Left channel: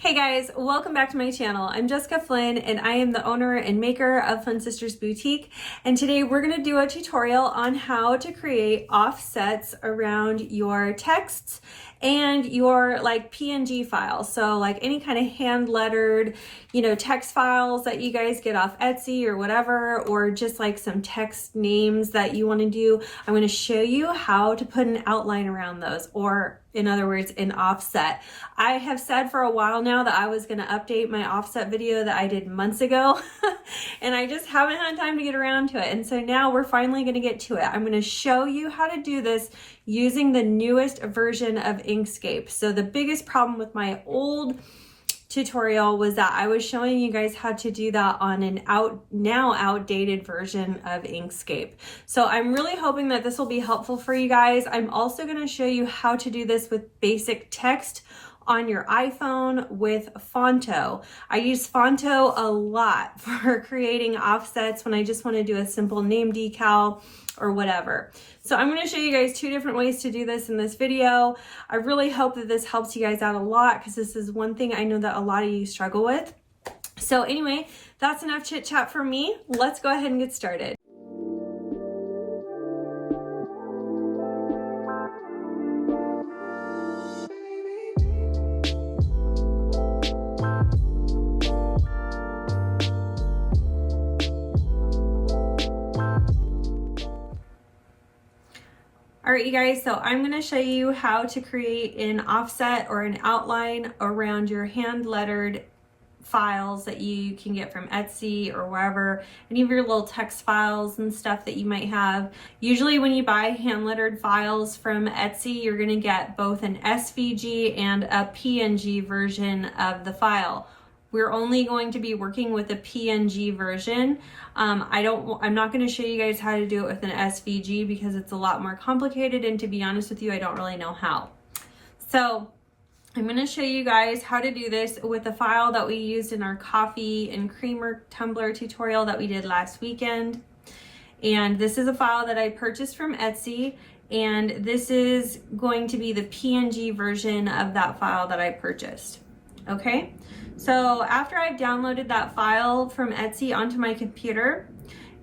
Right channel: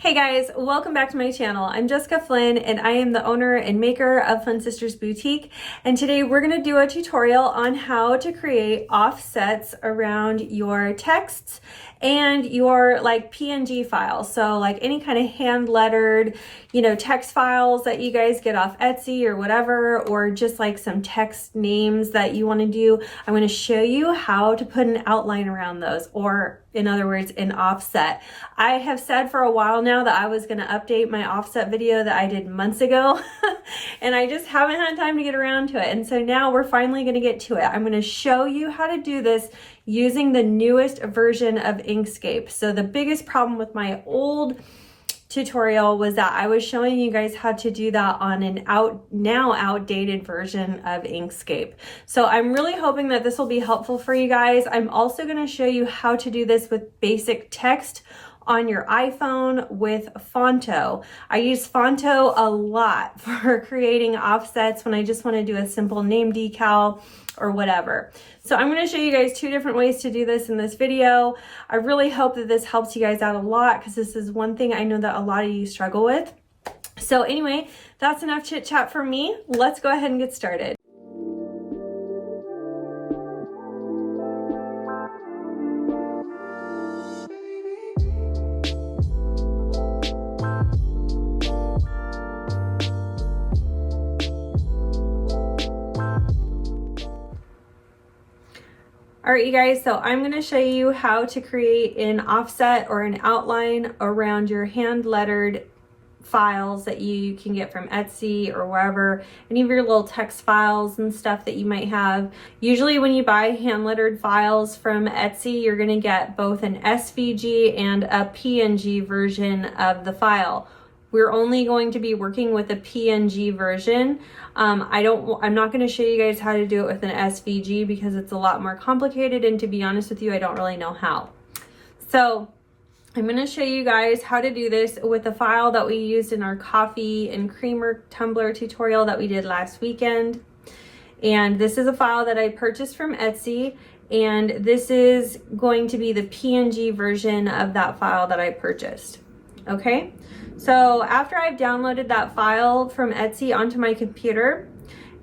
Hey guys, welcome back to my channel. I'm Jessica Flynn and I am the owner and maker of Flynn Sisters Boutique. And today we're going to do a tutorial on how to create offsets around your texts and your PNG files. So like any kind of hand lettered, text files that you guys get off Etsy or whatever, or just like some text names that you want to do. I'm going to show you how to put an outline around those, or in other words, an offset. I have said for a while now that I was going to update my offset video that I did months ago and I just haven't had time to get around to it. And so now we're finally going to get to it. I'm going to show you how to do this using the newest version of Inkscape. So the biggest problem with my old tutorial was that I was showing you guys how to do that on an now outdated version of Inkscape. So I'm really hoping that this will be helpful for you guys. I'm also going to show you how to do this with basic text on your iPhone with Fonto. I use Fonto a lot for creating offsets when I just want to do a simple name decal or whatever. So I'm going to show you guys two different ways to do this in this video. I really hope that this helps you guys out a lot because this is one thing I know that a lot of you struggle with. So anyway, that's enough chit chat for me. Let's go ahead and get started. All right, you guys, so I'm going to show you how to create an offset or an outline around your hand lettered files that you can get from Etsy or wherever, any of your little text files and stuff that you might have. Usually when you buy hand lettered files from Etsy, you're going to get both an SVG and a PNG version of the file. We're only going to be working with the PNG version. I'm not going to show you guys how to do it with an SVG because it's a lot more complicated, and to be honest with you, I don't really know how. So I'm going to show you guys how to do this with the file that we used in our coffee and creamer tumbler tutorial that we did last weekend. And this is a file that I purchased from Etsy, and this is going to be the PNG version of that file that I purchased. Okay? So after I've downloaded that file from Etsy onto my computer,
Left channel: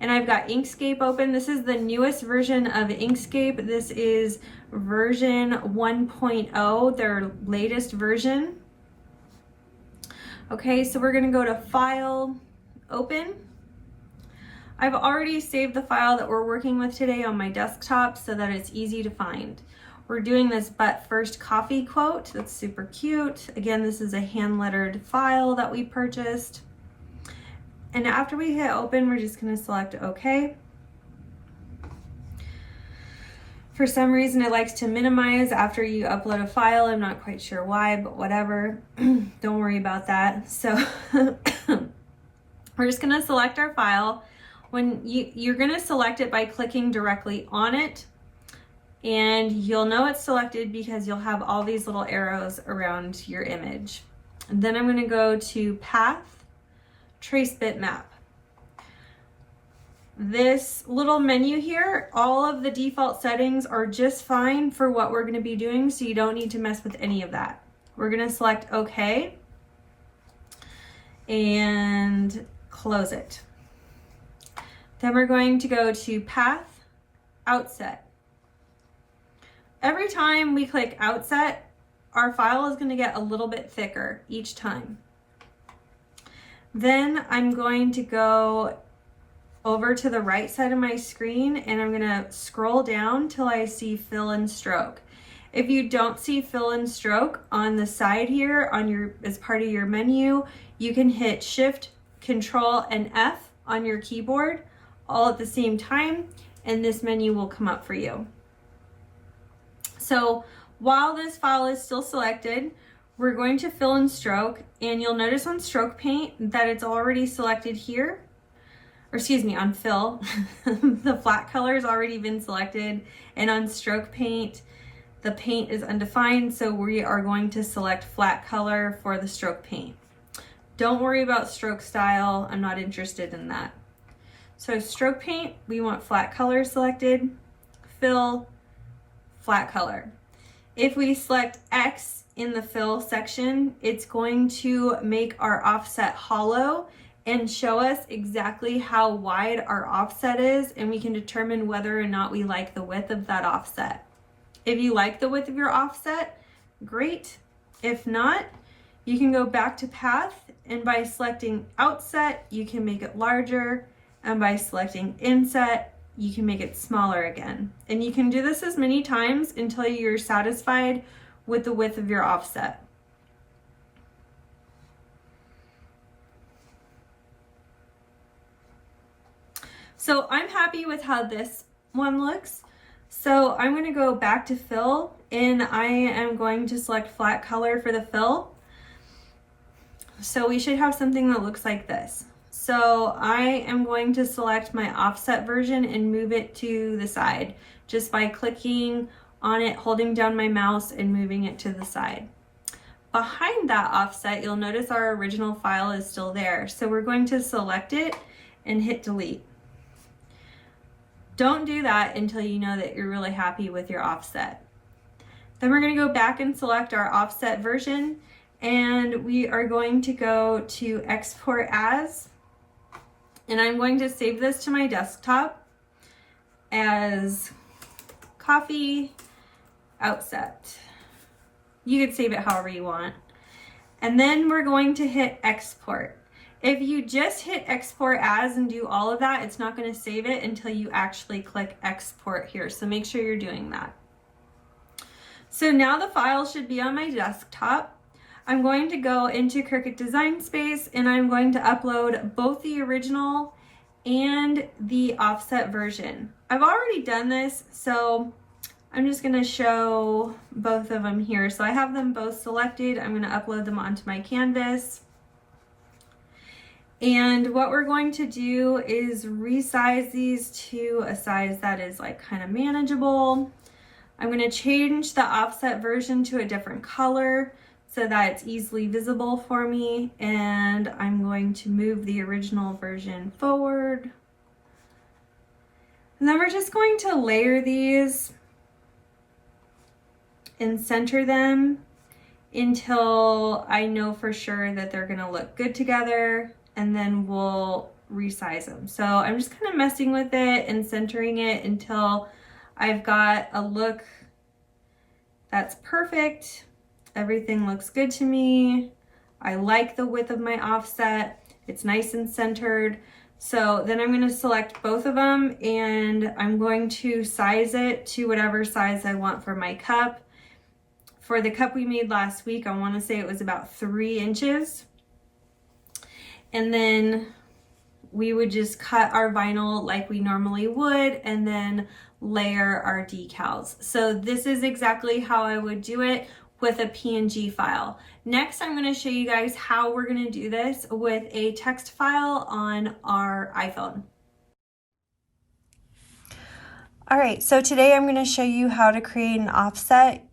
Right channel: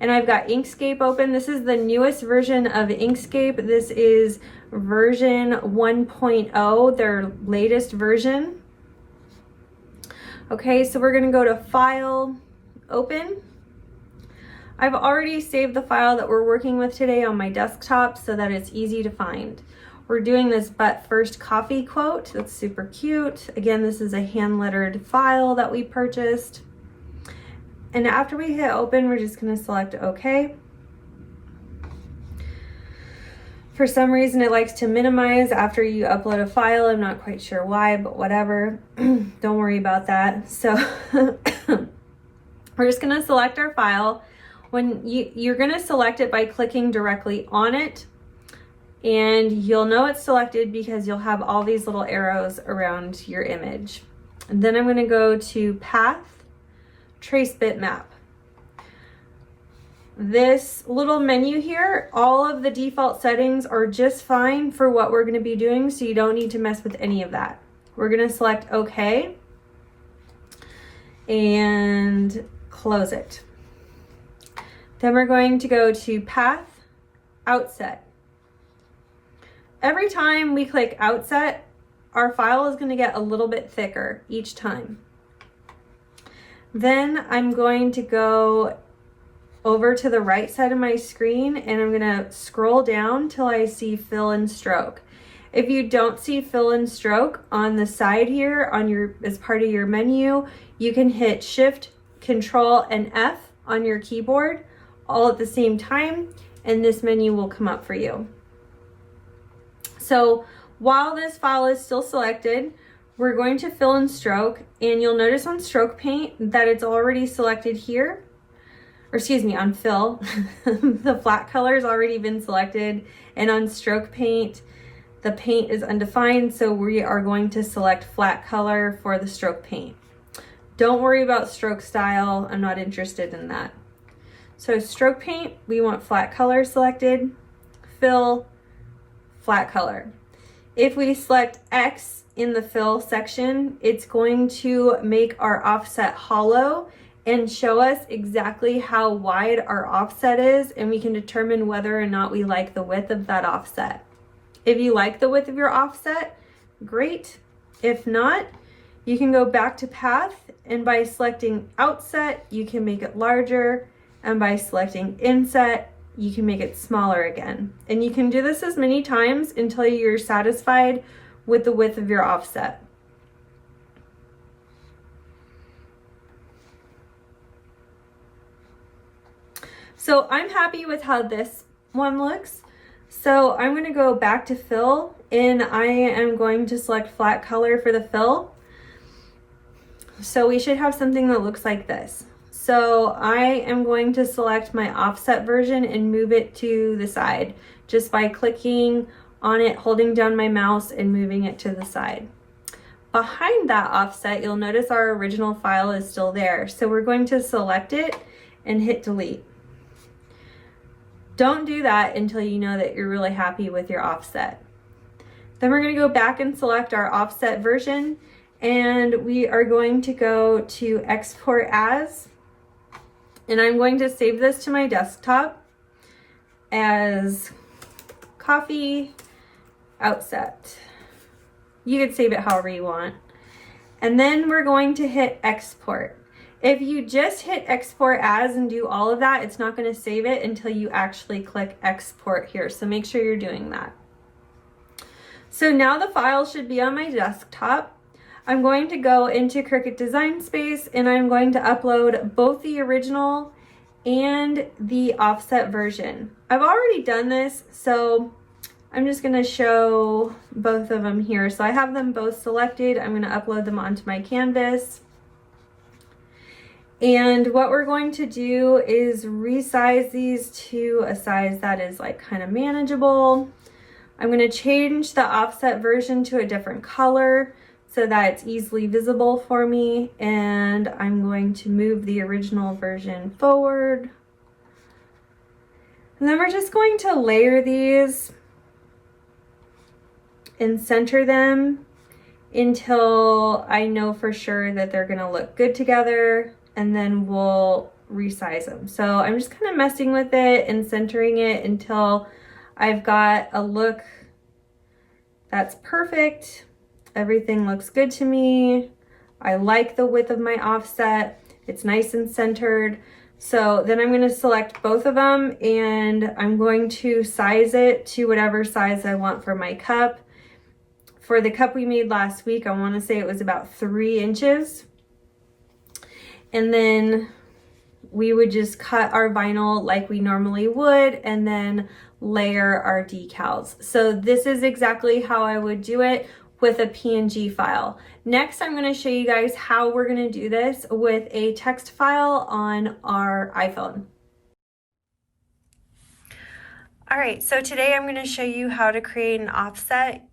and I've got Inkscape open, this is the newest version of Inkscape. This is version 1.0, their latest version. Okay, so we're gonna go to File, Open. I've already saved the file that we're working with today on my desktop so that it's easy to find. We're doing this "but first" coffee quote. That's super cute. Again, this is a hand lettered file that we purchased. And after we hit open, we're just going to select OK. For some reason, it likes to minimize after you upload a file. I'm not quite sure why, but whatever. Don't worry about that. So we're just going to select our file. When you're going to select it by clicking directly on it. And you'll know it's selected because you'll have all these little arrows around your image. And then I'm going to go to Path, Trace Bitmap. This little menu here, all of the default settings are just fine for what we're going to be doing, so you don't need to mess with any of that. We're going to select OK and close it. Then we're going to go to Path, Outset. Every time we click Outset, our file is going to get a little bit thicker each time. Then I'm going to go over to the right side of my screen and I'm going to scroll down till I see Fill and Stroke. If you don't see Fill and Stroke on the side here as part of your menu, you can hit Shift, Control, and F on your keyboard all at the same time, and this menu will come up for you. So while this file is still selected, we're going to Fill and Stroke, and you'll notice on Stroke Paint that it's already selected here, or excuse me, on Fill, the flat color has already been selected, and on Stroke Paint, the paint is undefined, so we are going to select flat color for the Stroke Paint. Don't worry about stroke style, I'm not interested in that. So Stroke Paint, we want flat color selected, Fill, flat color. If we select X in the fill section, it's going to make our offset hollow and show us exactly how wide our offset is, and we can determine whether or not we like the width of that offset. If you like the width of your offset, great. If not, you can go back to path, and by selecting outset, you can make it larger, and by selecting inset, you can make it smaller again. And you can do this as many times until you're satisfied with the width of your offset. So I'm happy with how this one looks. So I'm going to go back to fill, and I am going to select flat color for the fill. So we should have something that looks like this. So I am going to select my offset version and move it to the side just by clicking on it, holding down my mouse and moving it to the side. Behind that offset, you'll notice our original file is still there. So we're going to select it and hit delete. Don't do that until you know that you're really happy with your offset. Then we're going to go back and select our offset version, and we are going to go to export as, and I'm going to save this to my desktop as coffee outset. You could save it however you want. And then we're going to hit export. If you just hit export as and do all of that, it's not going to save it until you actually click export here. So make sure you're doing that. So now the file should be on my desktop. I'm going to go into Cricut Design Space, and I'm going to upload both the original and the offset version. I've already done this, so I'm just going to show both of them here. So I have them both selected. I'm going to upload them onto my canvas. And what we're going to do is resize these to a size that is like kind of manageable. I'm going to change the offset version to a different color so that it's easily visible for me. And I'm going to move the original version forward. And then we're just going to layer these and center them until I know for sure that they're going to look good together. And then we'll resize them. So I'm just kind of messing with it and centering it until I've got a look that's perfect. Everything looks good to me. I like the width of my offset. It's nice and centered. So then I'm going to select both of them, and I'm going to size it to whatever size I want for my cup. For the cup we made last week, I want to say it was about 3 inches. And then we would just cut our vinyl like we normally would, and then layer our decals. So this is exactly how I would do it with a PNG file. Next, I'm going to show you guys how we're going to do this with a text file on our iPhone. All right, so today I'm going to show you how to create an offset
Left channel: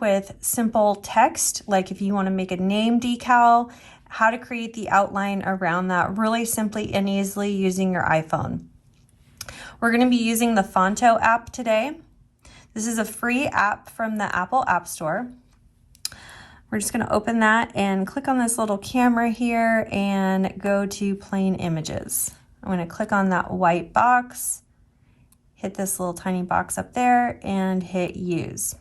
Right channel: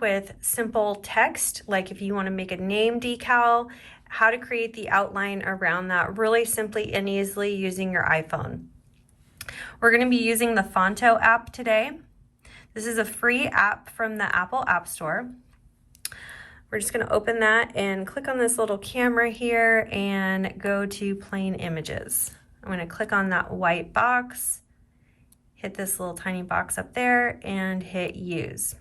with simple text, like if you want to make a name decal, how to create the outline around that really simply and easily using your iPhone. We're going to be using the Fonto app today. This is a free app from the Apple App Store. We're just going to open that and click on this little camera here and go to plain images. I'm going to click on that white box, hit this little tiny box up there, and hit use.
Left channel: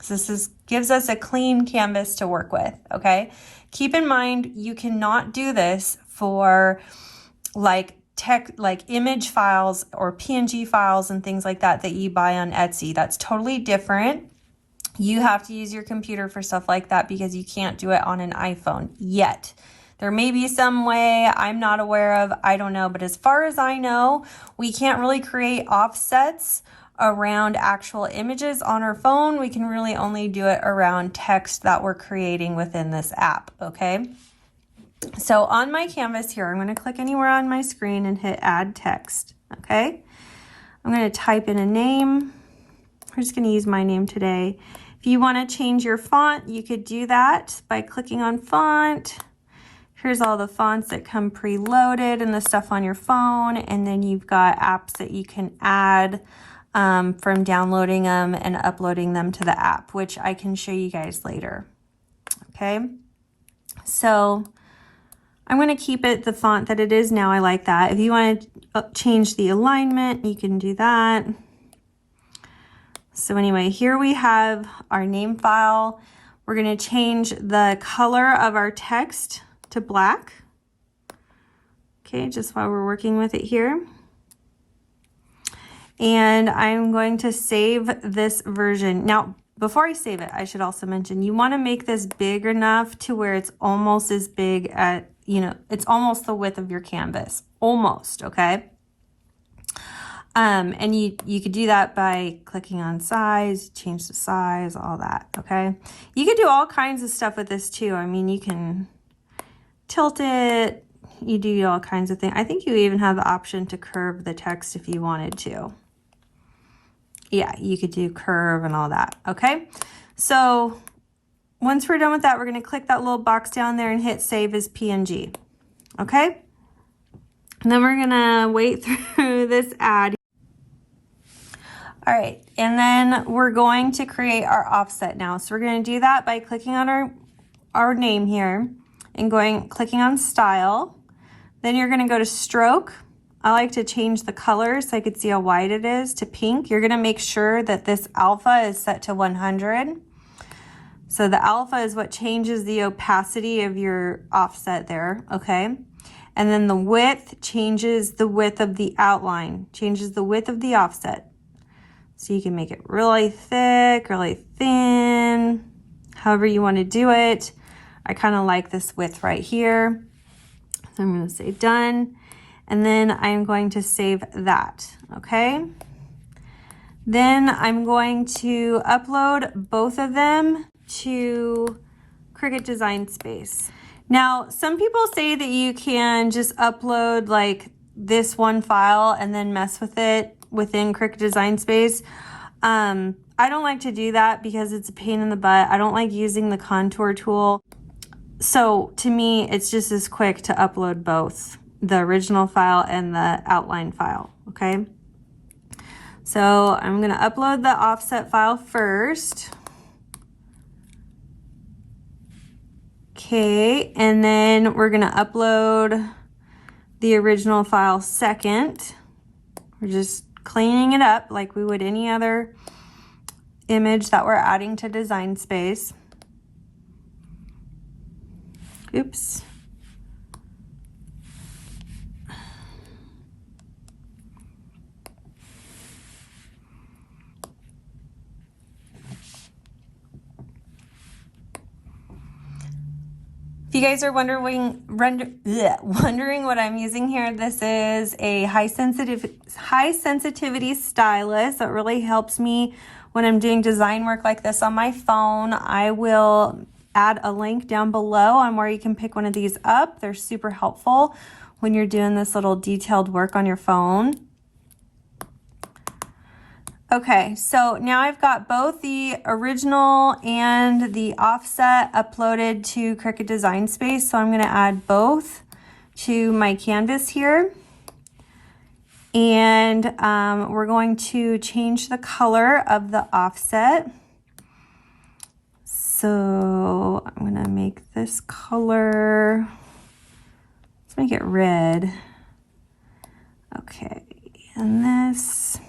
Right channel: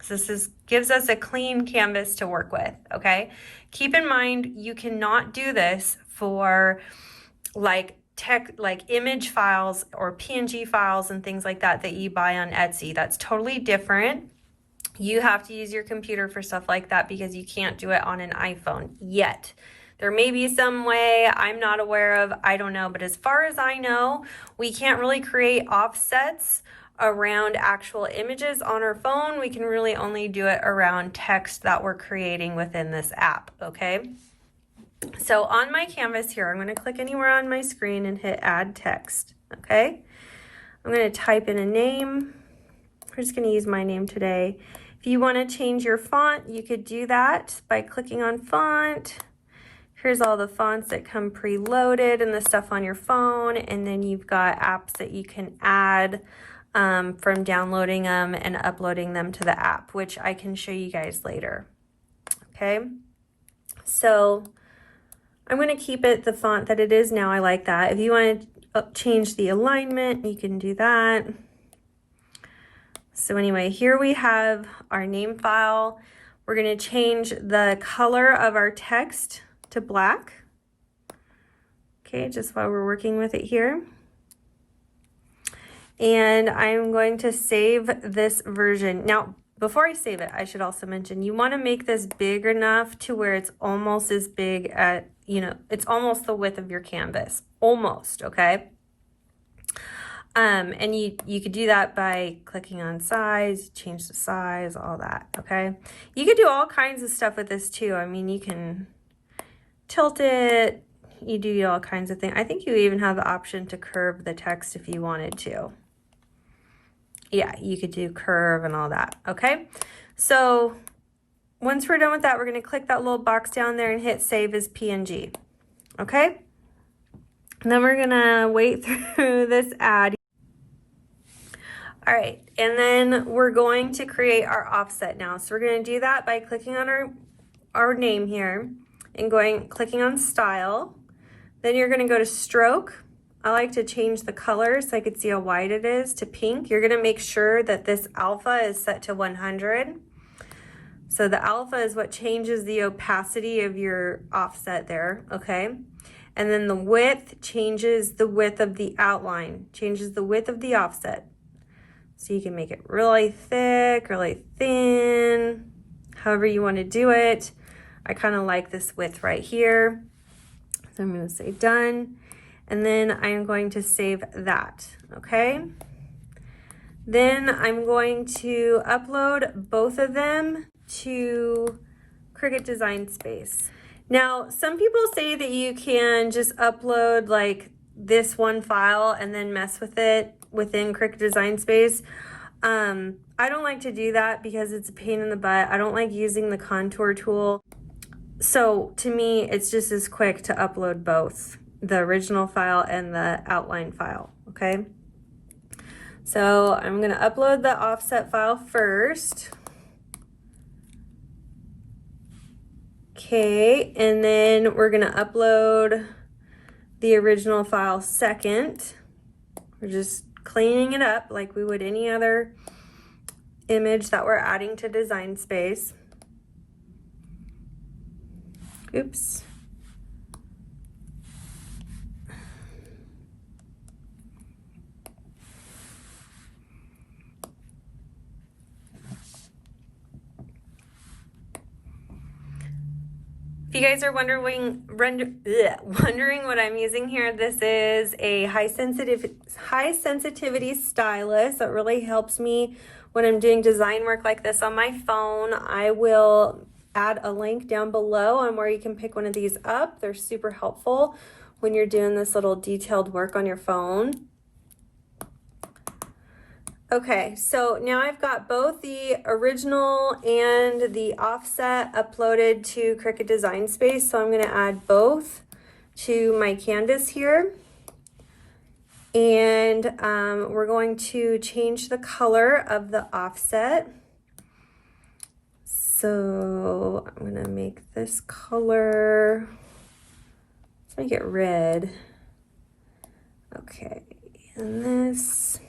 So this gives us a clean canvas to work with, okay? Keep in mind, you cannot do this for like image files or PNG files and things like that that you buy on Etsy. That's totally different. You have to use your computer for stuff like that because you can't do it on an iPhone yet. There may be some way I'm not aware of, I don't know, but as far as I know, we can't really create offsets around actual images on our phone. We can really only do it around text that we're creating within this app, okay? So on my canvas here, I'm going to click anywhere on my screen and hit add text, okay? I'm going to type in a name. We're just going to use my name today. If you want to change your font, you could do that by clicking on font. Here's all the fonts that come preloaded and the stuff on your phone, and then you've got apps that you can add from downloading them and uploading them to the app, which I can show you guys later. okay? So I'm going to keep it the font that it is now. I like that. If you want to change the alignment, you can do that. So anyway, here we have our name file. We're going to change the color of our text to black. Okay, just while we're working with it here. And I'm going to save this version. Now, before I save it, I should also mention, you want to make this big enough to where it's almost as big at, you know, it's almost the width of your canvas. Almost, okay? And you could do that by clicking on size, change the size, all that, okay? You could do all kinds of stuff with this too. I mean, you can tilt it, you do all kinds of things. I think you even have the option to curve the text if you wanted to. Yeah, you could do curve and all that, okay? So once we're done with that, we're gonna click that little box down there and hit save as PNG, okay? And then we're gonna wait through this ad. All right, and then we're going to create our offset now. So we're gonna do that by clicking on our name here and clicking on style. Then you're gonna go to stroke. I like to change the color so I could see how wide it is to pink. You're gonna make sure that this alpha is set to 100. So the alpha is what changes the opacity of your offset there, okay? And then the width changes the width of the outline, changes the width of the offset. So you can make it really thick, really thin, however you want to do it. I kind of like this width right here. So I'm going to say done. And then I'm going to save that, okay? Then I'm going to upload both of them to Cricut Design Space. Now, some people say that you can just upload like this one file and then mess with it within Cricut Design Space. I don't like to do that because it's a pain in the butt. I don't like using the contour tool. So to me, it's just as quick to upload both the original file and the outline file, okay? So I'm gonna upload the offset file first. Okay, and then we're gonna upload the original file second. We're just cleaning it up like we would any other image that we're adding to Design Space. Oops. If you guys are wondering what I'm using here, this is a high sensitivity stylus that really helps me when I'm doing design work like this on my phone. I will add a link down below on where you can pick one of these up. They're super helpful when you're doing this little detailed work on your phone. Okay, so now I've got both the original and the offset uploaded to Cricut Design Space, so I'm going to add both to my canvas here. And we're going to change the color of the offset. So I'm going to make this color, let's make it red. Okay, and this.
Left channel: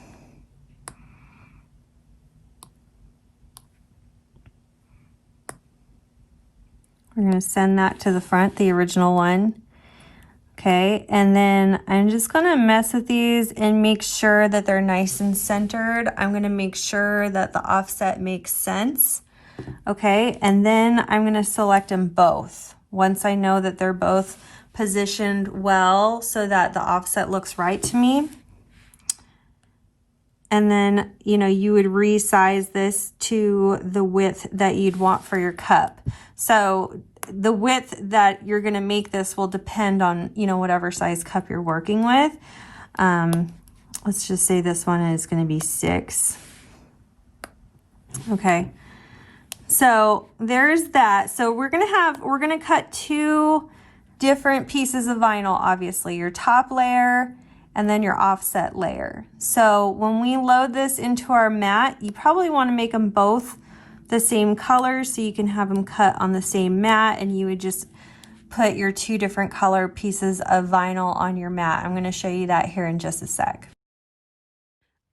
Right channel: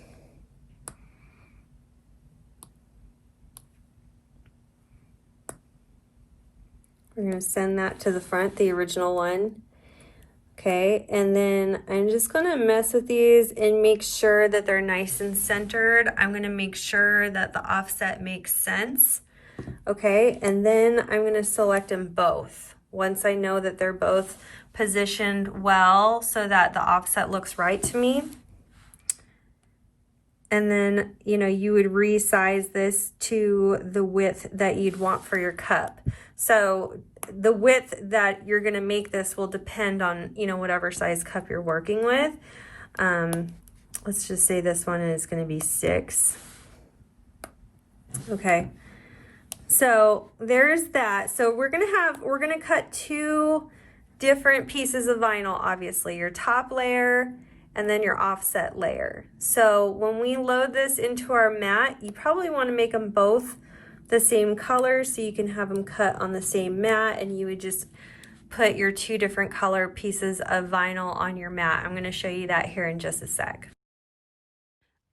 We're going to send that to the front, the original one. Okay, and then I'm just going to mess with these and make sure that they're nice and centered. I'm going to make sure that the offset makes sense. Okay, and then I'm going to select them both once I know that they're both positioned well so that the offset looks right to me. And then, you know, you would resize this to the width that you'd want for your cup. So the width that you're going to make this will depend on, you know, whatever size cup you're working with. Let's just say this one is going to be 6. Okay. So there's that. So we're going to cut 2 different pieces of vinyl, obviously, your top layer and then your offset layer. So when we load this into our mat, you probably want to make them both the same color, so you can have them cut on the same mat, and you would just put your 2 different color pieces of vinyl on your mat. I'm going to show you that here in just a sec.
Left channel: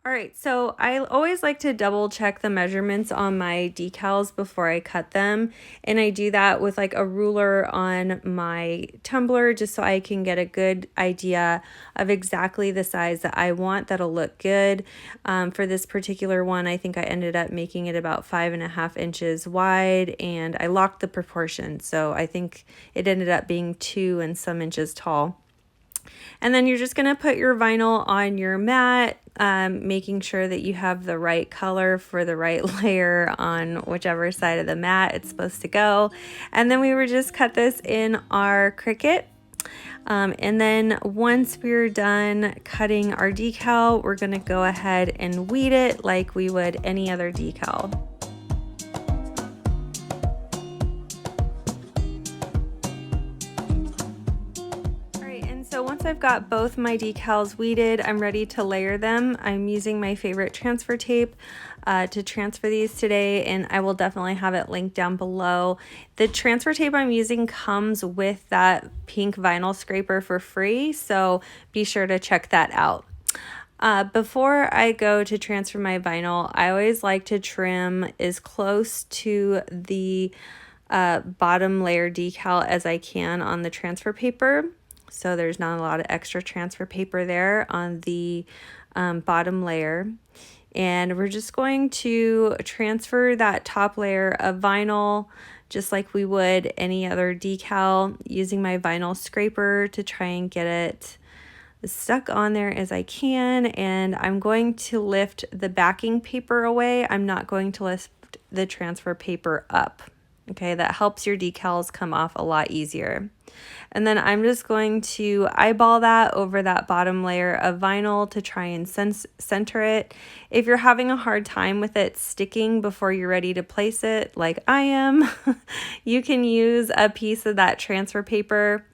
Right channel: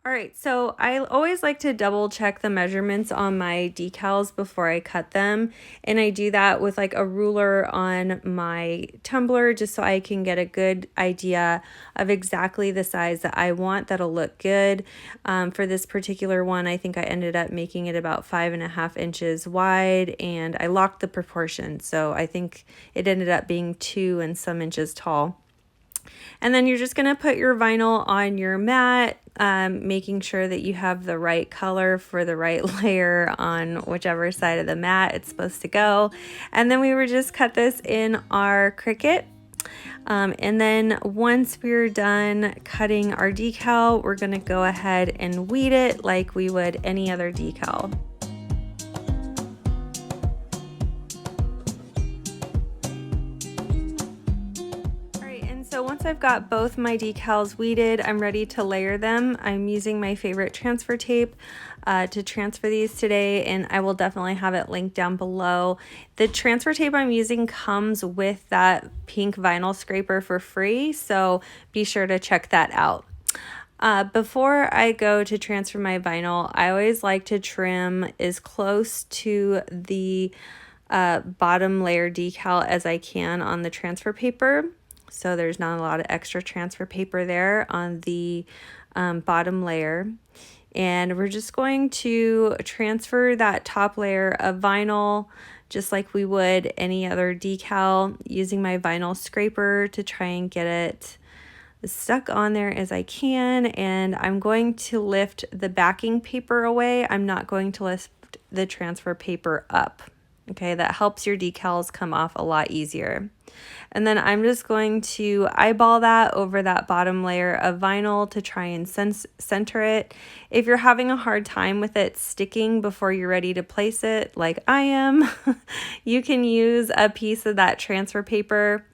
All right, so I always like to double check the measurements on my decals before I cut them. And I do that with like a ruler on my tumbler just so I can get a good idea of exactly the size that I want that'll look good. For this particular one, I think I ended up making it about 5.5 inches wide, and I locked the proportion. So I think it ended up being 2 and some inches tall. And then you're just going to put your vinyl on your mat, making sure that you have the right color for the right layer on whichever side of the mat it's supposed to go. And then we would just cut this in our Cricut. And then once we're done cutting our decal, we're going to go ahead and weed it like we would any other decal. So once I've got both my decals weeded, I'm ready to layer them. I'm using my favorite transfer tape to transfer these today, and I will definitely have it linked down below. The transfer tape I'm using comes with that pink vinyl scraper for free, so be sure to check that out. Before I go to transfer my vinyl, I always like to trim as close to the bottom layer decal as I can on the transfer paper. So there's not a lot of extra transfer paper there on the bottom layer. And we're just going to transfer that top layer of vinyl just like we would any other decal, using my vinyl scraper to try and get it as stuck on there as I can. And I'm going to lift the backing paper away. I'm not going to lift the transfer paper up. Okay, that helps your decals come off a lot easier. And then I'm just going to eyeball that over that bottom layer of vinyl to try and center it. If you're having a hard time with it sticking before you're ready to place it, like I am, you can use a piece of that transfer paper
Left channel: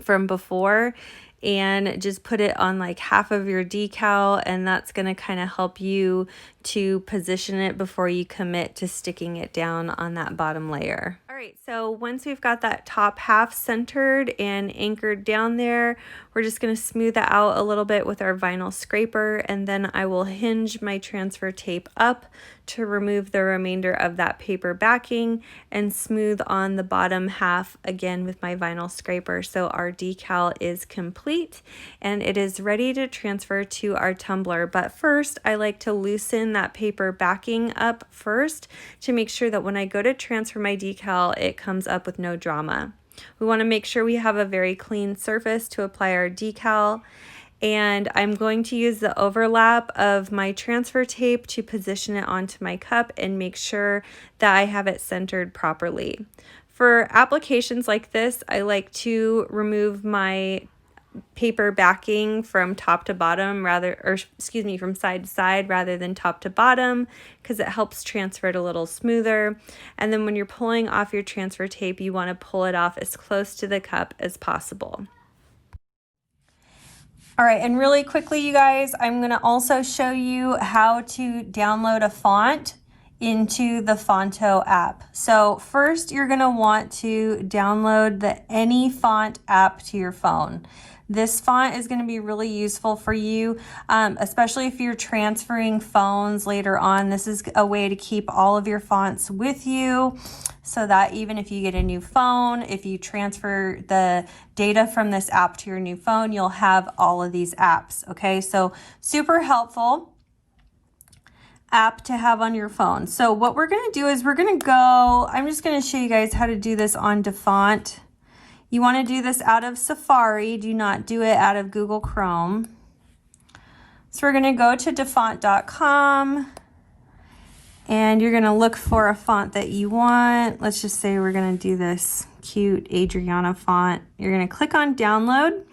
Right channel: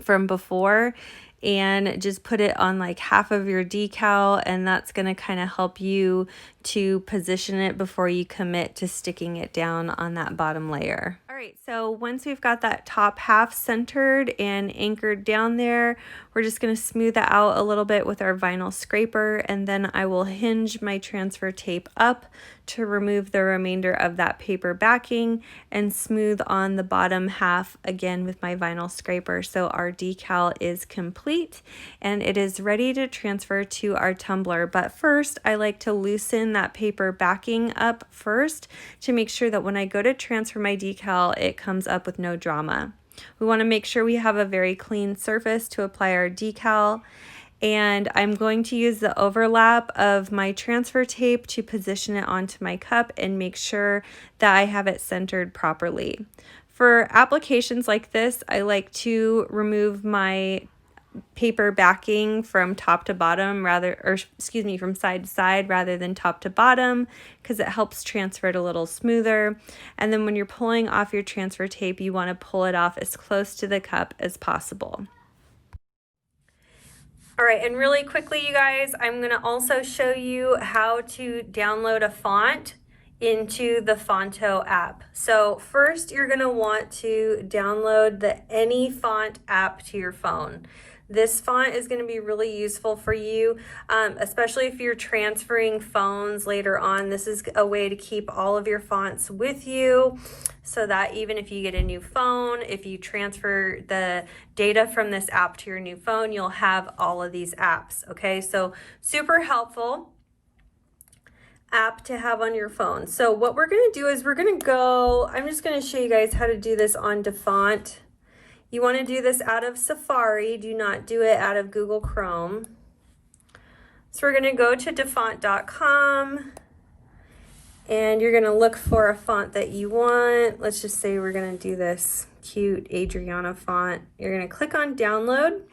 from before and just put it on like half of your decal, and that's going to kind of help you to position it before you commit to sticking it down on that bottom layer. All right, so once we've got that top half centered and anchored down there, we're just going to smooth that out a little bit with our vinyl scraper, and then I will hinge my transfer tape up to remove the remainder of that paper backing and smooth on the bottom half again with my vinyl scraper. So our decal is complete and it is ready to transfer to our tumbler. But first, I like to loosen that paper backing up first to make sure that when I go to transfer my decal, it comes up with no drama. We want to make sure we have a very clean surface to apply our decal. And I'm going to use the overlap of my transfer tape to position it onto my cup and make sure that I have it centered properly. For applications like this, I like to remove my paper backing from top to bottom from side to side rather than top to bottom, because it helps transfer it a little smoother. And then when you're pulling off your transfer tape, you want to pull it off as close to the cup as possible. All right, and really quickly, you guys, I'm going to also show you how to download a font into the Fonto app. So first, you're going to want to download the Any Font app to your phone. This font is going to be really useful for you, especially if you're transferring phones later on. This is a way to keep all of your fonts with you, so that even if you get a new phone, if you transfer the data from this app to your new phone, you'll have all of these apps, okay? So super helpful app to have on your phone. So what we're gonna do is I'm just gonna show you guys how to do this on DaFont. You wanna do this out of Safari, do not do it out of Google Chrome. So we're gonna go to dafont.com. And you're going to look for a font that you want. Let's just say we're going to do this cute Adriana font. You're going to click on download.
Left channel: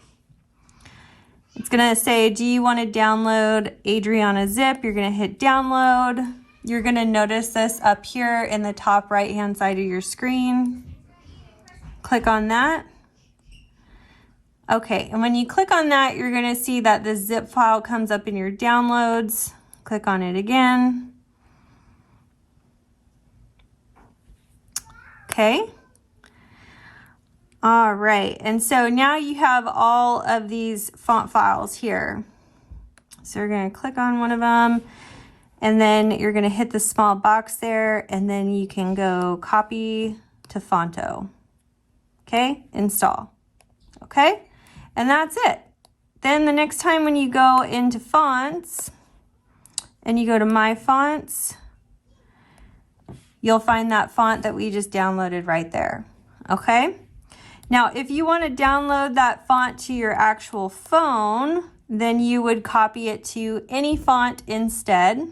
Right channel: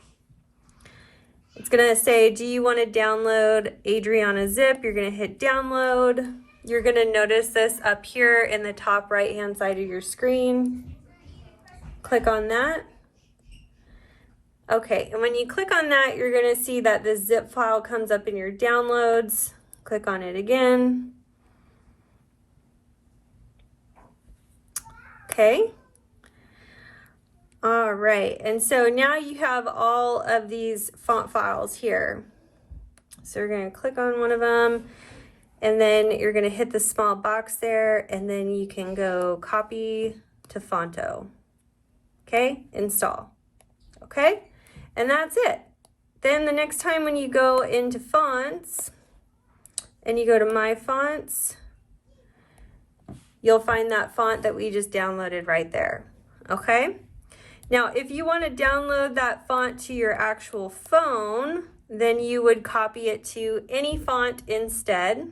It's going to say, do you want to download Adriana zip? You're going to hit download. You're going to notice this up here in the top right hand side of your screen. Click on that. Okay, and when you click on that, you're going to see that the zip file comes up in your downloads. Click on it again. okay? All right, and so now you have all of these font files here. So we're gonna click on one of them, and then you're gonna hit the small box there, and then you can go copy to Fonto. Okay, install. Okay, and that's it. Then the next time when you go into fonts, and you go to My Fonts, you'll find that font that we just downloaded right there, okay? Now, if you want to download that font to your actual phone, then you would copy it to any font instead.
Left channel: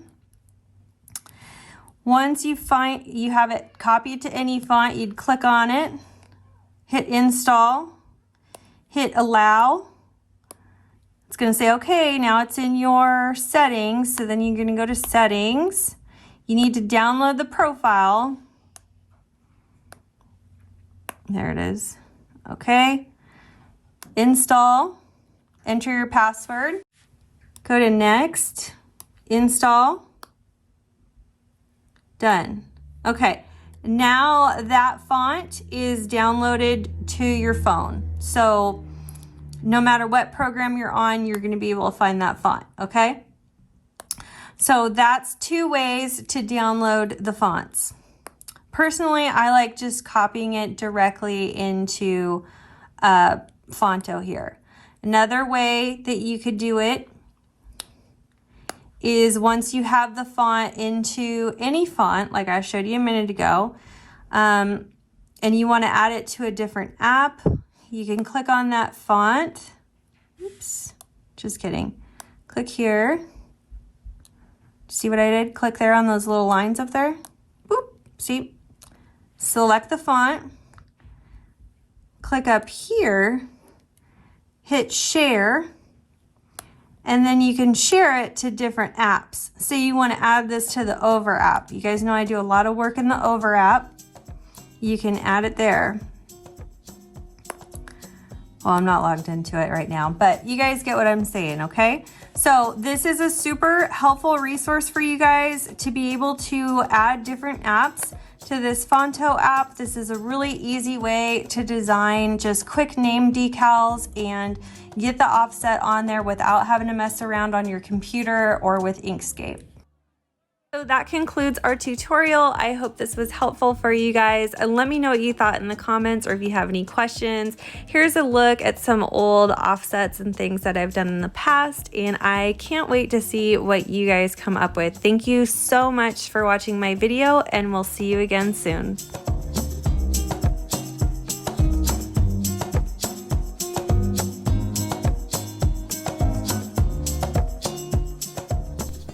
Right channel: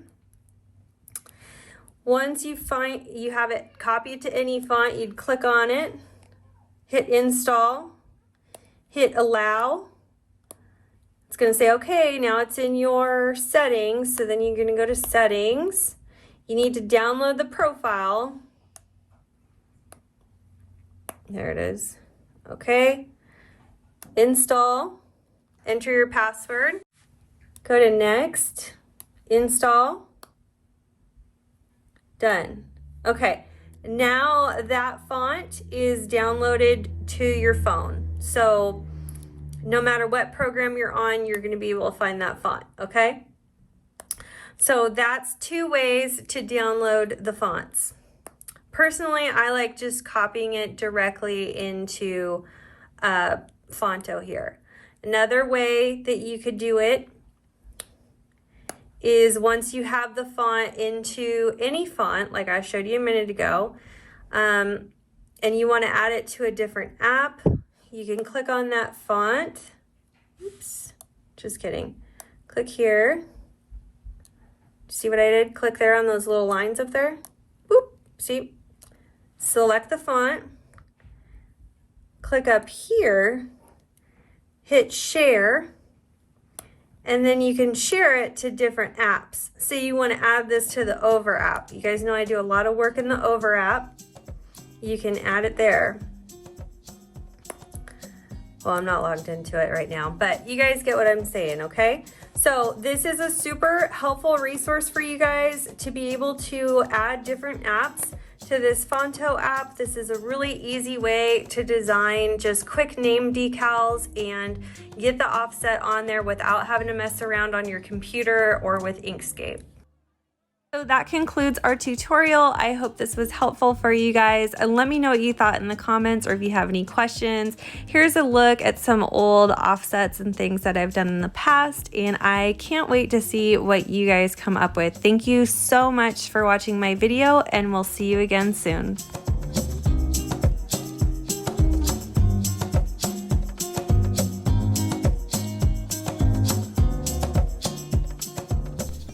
Once you have it copied to any font, you'd click on it, hit install, hit allow. It's going to say, okay, now it's in your settings. So then you're going to go to settings. You need to download the profile. There it is. Okay. Install. Enter your password. Go to next. Install. Done. Okay. Now that font is downloaded to your phone. So no matter what program you're on, you're going to be able to find that font. Okay. So that's 2 ways to download the fonts. Personally, I like just copying it directly into Phonto here. Another way that you could do it is once you have the font into any font, like I showed you a minute ago, and you want to add it to a different app, you can click on that font. Oops, just kidding. Click here. See what I did? Click there on those little lines up there. Boop, see? Select the font. Click up here. Hit share. And then you can share it to different apps. So you want to add this to the Over app. You guys know I do a lot of work in the Over app. You can add it there. Well, I'm not logged into it right now, but you guys get what I'm saying, okay? So this is a super helpful resource for you guys to be able to add different apps to this Phonto app. This is a really easy way to design just quick name decals and get the offset on there without having to mess around on your computer or with Inkscape. So that concludes our tutorial. I hope this was helpful for you guys, and let me know what you thought in the comments or if you have any questions. Here's a look at some old offsets and things that I've done in the past, and I can't wait to see what you guys come up with. Thank you so much for watching my video, and we'll see you again soon.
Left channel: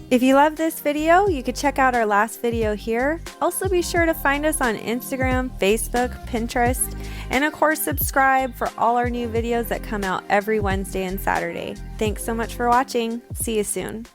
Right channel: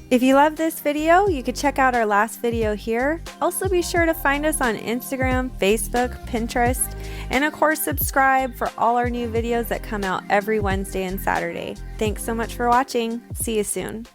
If you love this video, you could check out our last video here. Also be sure to find us on Instagram, Facebook, Pinterest, and of course subscribe for all our new videos that come out every Wednesday and Saturday. Thanks so much for watching. See you soon.